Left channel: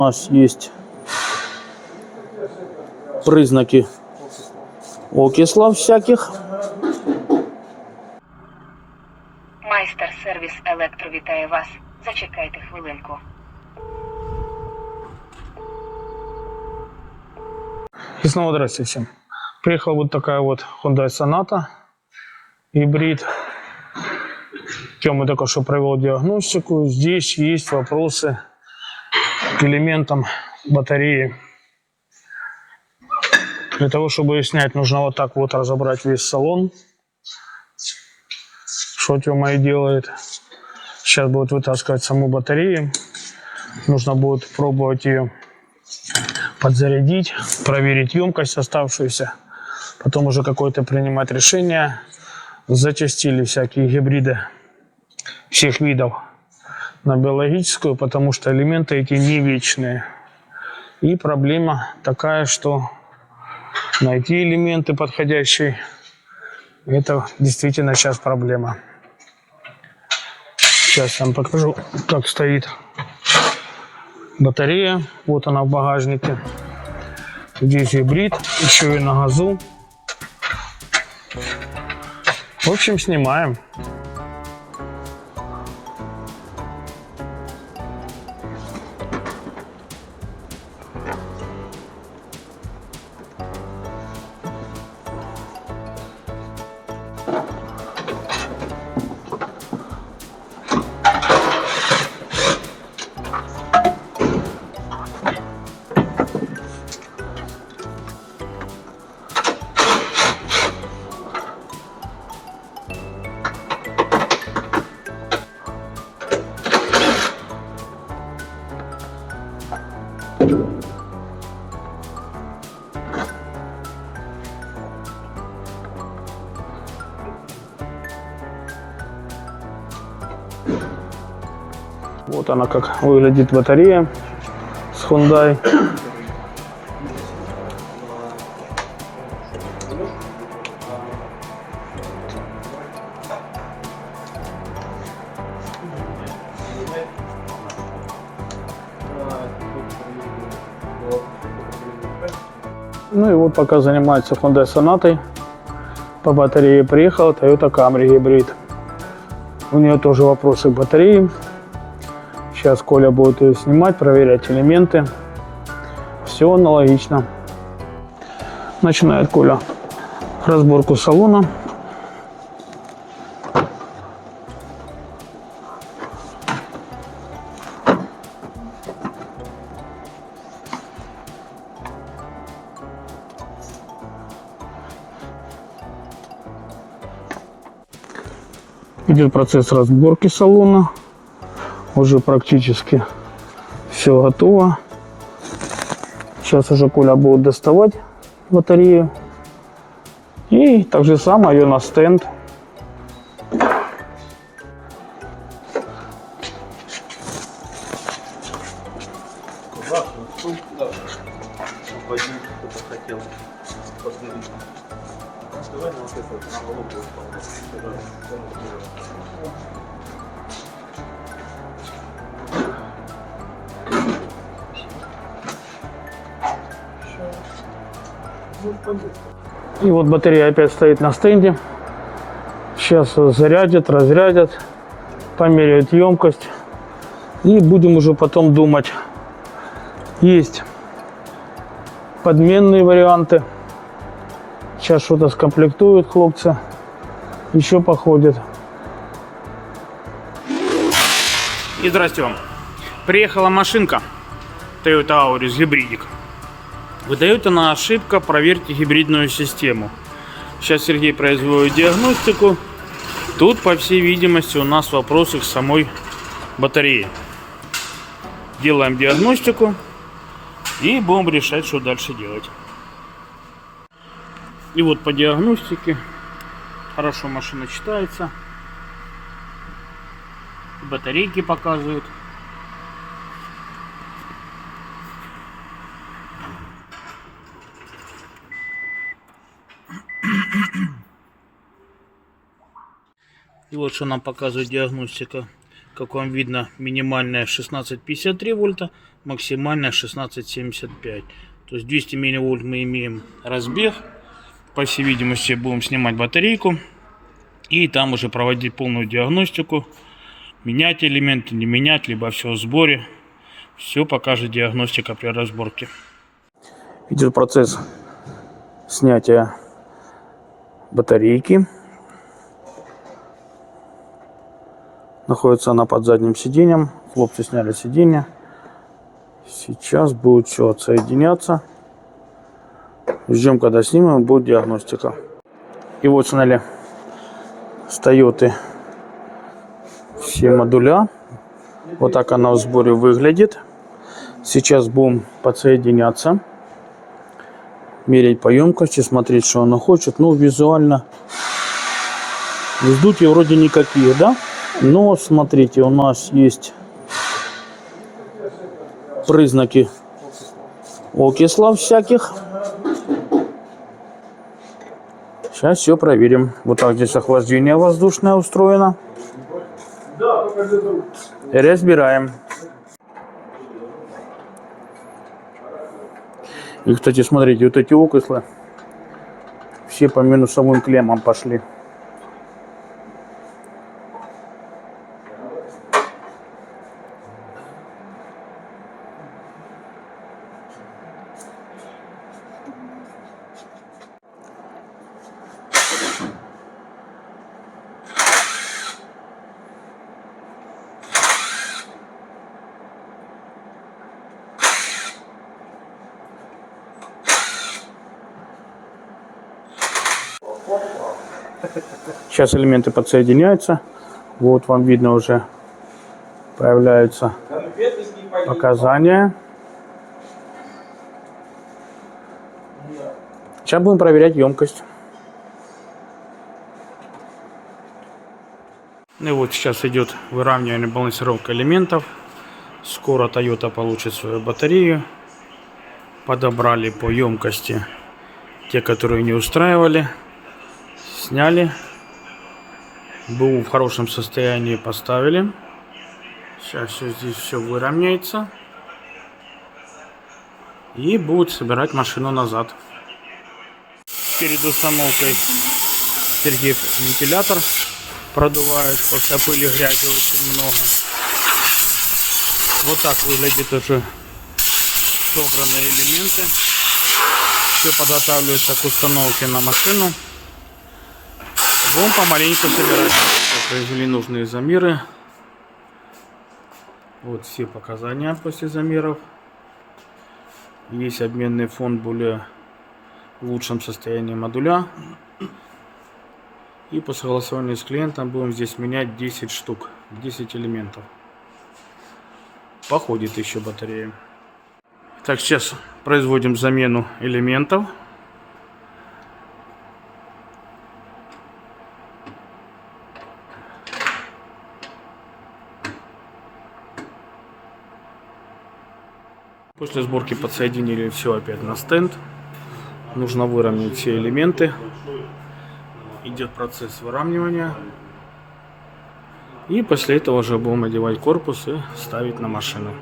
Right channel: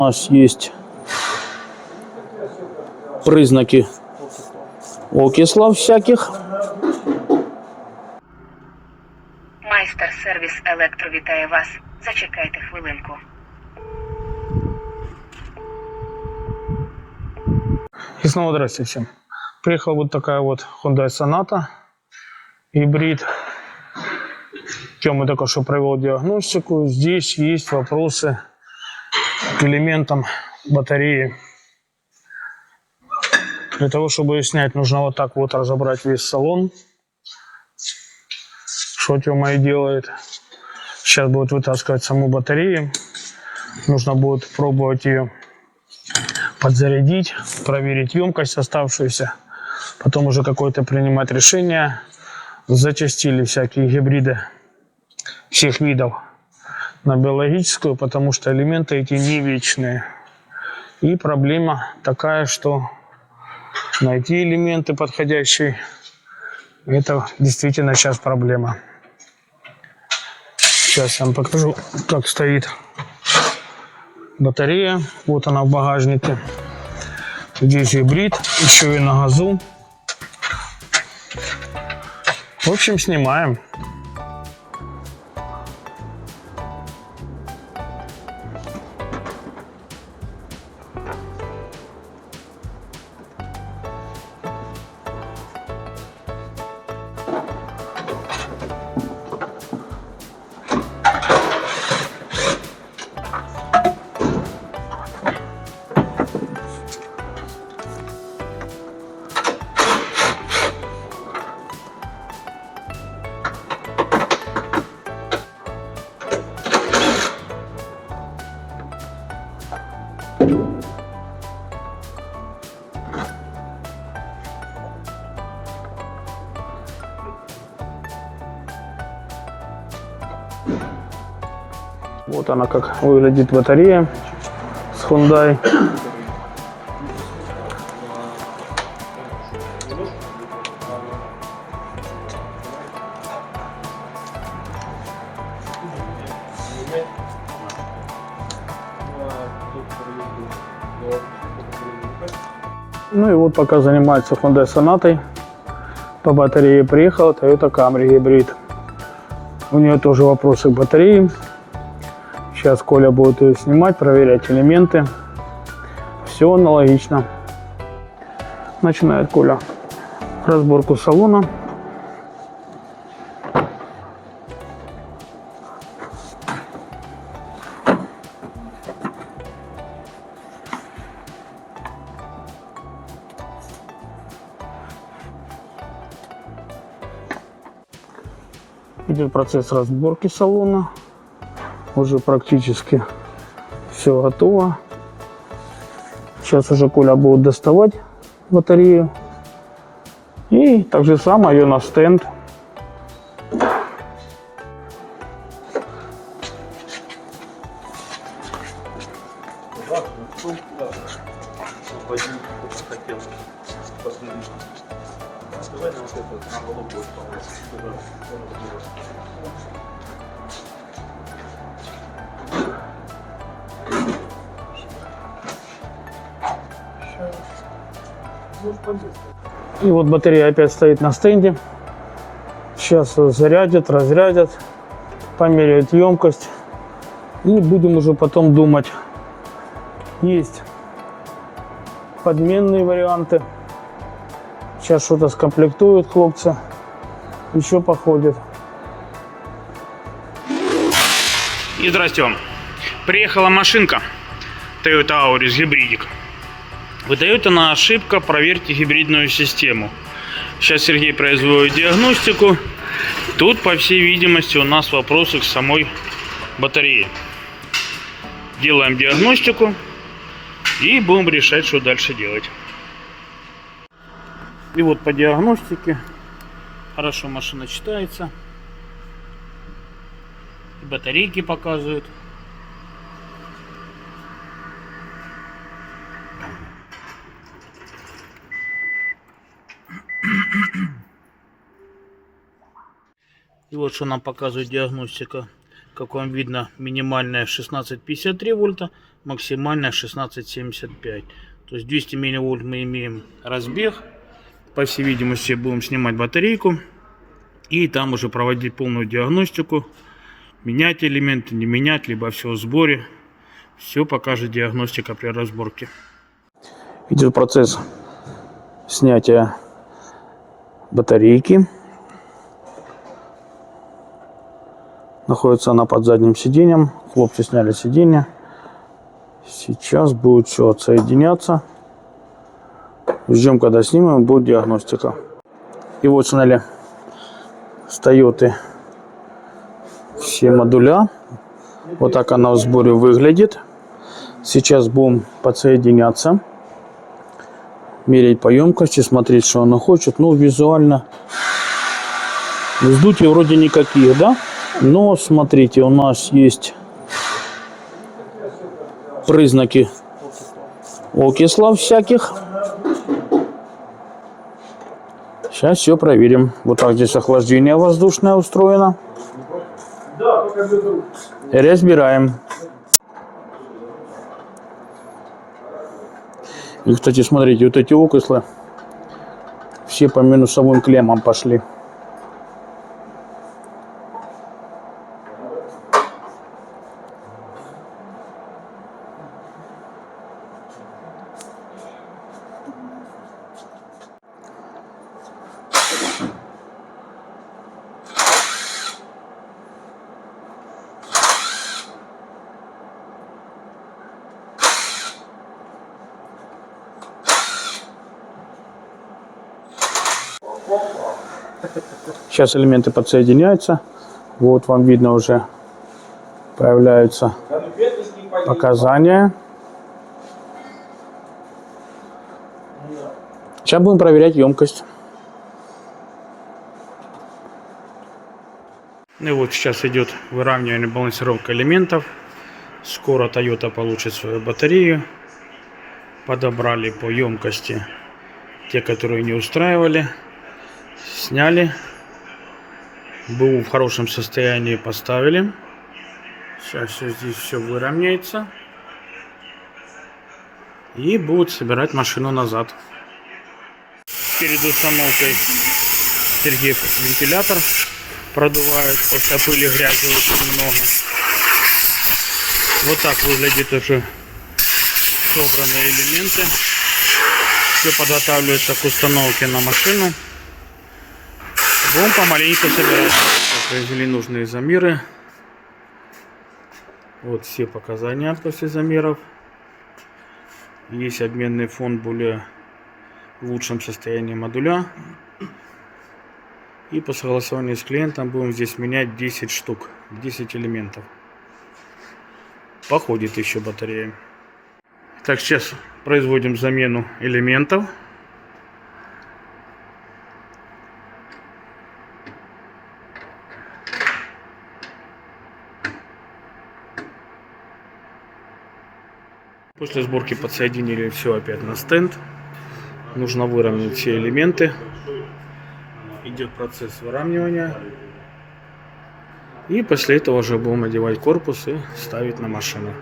У нас есть признаки окислов всяких. Майстер сервіс Електро вітає вас. Зачекайте хвилинку. И снова здравствуйте всем. Приехала вот такая вот Hyundai Sonata гибрид. Тёма только что провел диагностику. Здесь есть вопросы к элементам батареи. Для того, чтобы ее снять, нужно вот так вот разобрать весь салон. Что Тёма и делает. Сейчас будет вытаскивать саму батарею. Нужно будет пробовать ее подзарядить, проверить емкость оставшуюся. Потом уже какое-то принимать решение. Зачастили всякие гибриды всех видов на биологическую, потому что элементы эти не вечные. И проблема такая, что найти элементы подходящие, это действительно сейчас проблема. Сейчас я вам покажу, как стоит батарея. Вот она в багажнике. Здесь гибрид, еще и на газу. В общем, снимаем. Вот она, как выглядит батарея с Hyundai. Ну и вот пока занимается Hyundai Sonata, по батарее приехал Toyota Camry гибрид. У нее тоже вопросы к батарее. Сейчас Коля будет ее снимать, проверять элементы. Все аналогично. Начинает Коля разборку салона. Идет процесс разборки салона. Уже практически все готово. Сейчас уже Коля будет доставать батарею. И так же самое ее на стенд. И вот батарея опять стоит на стенде. Сейчас зарядят, разрядят, померяют емкость. И будем уже потом думать. Есть подменные варианты. Сейчас что-то скомплектуют хлопцы. Еще походят. И здрасте вам. Приехала машинка Toyota Auris гибридик. Выдает она ошибка, проверьте гибридную систему. Сейчас Сергей производит диагностику. Тут, по всей видимости, у нас вопросы к самой батарее. Делаем диагностику и будем решать, что дальше делать. И вот по диагностике хорошо машина читается. Батарейки показывают. И вот что нам показывает диагностика. Как вам видно, минимальная 16,53 вольта, максимальная 16,75. То есть 200 милливольт мы имеем разбег. По всей видимости, будем снимать батарейку. И там уже проводить полную диагностику. Менять элементы, не менять, либо все в сборе. Все покажет диагностика при разборке. Идет процесс снятия батарейки. Находится она под задним сиденьем. Хлопцы сняли сиденье. Сейчас будет все отсоединяться. Ждем, когда снимем, будет диагностика. И вот сняли с Toyota все модуля. Вот так она в сборе выглядит. Сейчас будем подсоединяться, мерить по емкости, смотреть, что она хочет. Ну, визуально вздутий вроде никаких, да? Но смотрите, у нас есть признаки окислов всяких. Сейчас все проверим. Вот так здесь охлаждение воздушное устроено. Разбираем. И, кстати, смотрите, вот эти окислы все по минусовым клеммам пошли. Сейчас элементы подсоединяются. Вот вам видно уже появляются показания. Сейчас будем проверять емкость. И вот сейчас идет выравнивание, балансировка элементов. Скоро Toyota получит свою батарею. Подобрали по емкости те, которые не устраивали. Сняли. БУ в хорошем состоянии поставили. Сейчас здесь все выровняется. И будут собирать машину назад. Перед установкой Сергей вентилятор продувает. После пыли, грязи очень много. Вот так выглядит уже собранные элементы. Все подготавливается к установке на машину. Будем помаленьку собирать. Произвели нужные замеры. Вот все показания после замеров. Есть обменный фонд более в лучшем состоянии модуля. И по согласованию с клиентом будем здесь менять 10 штук, 10 элементов. Походит еще батарея. Так, сейчас производим замену элементов. После сборки подсоединили все опять на стенд. Нужно выровнять все элементы. Идет процесс выравнивания. И после этого уже будем одевать корпус и ставить на машину.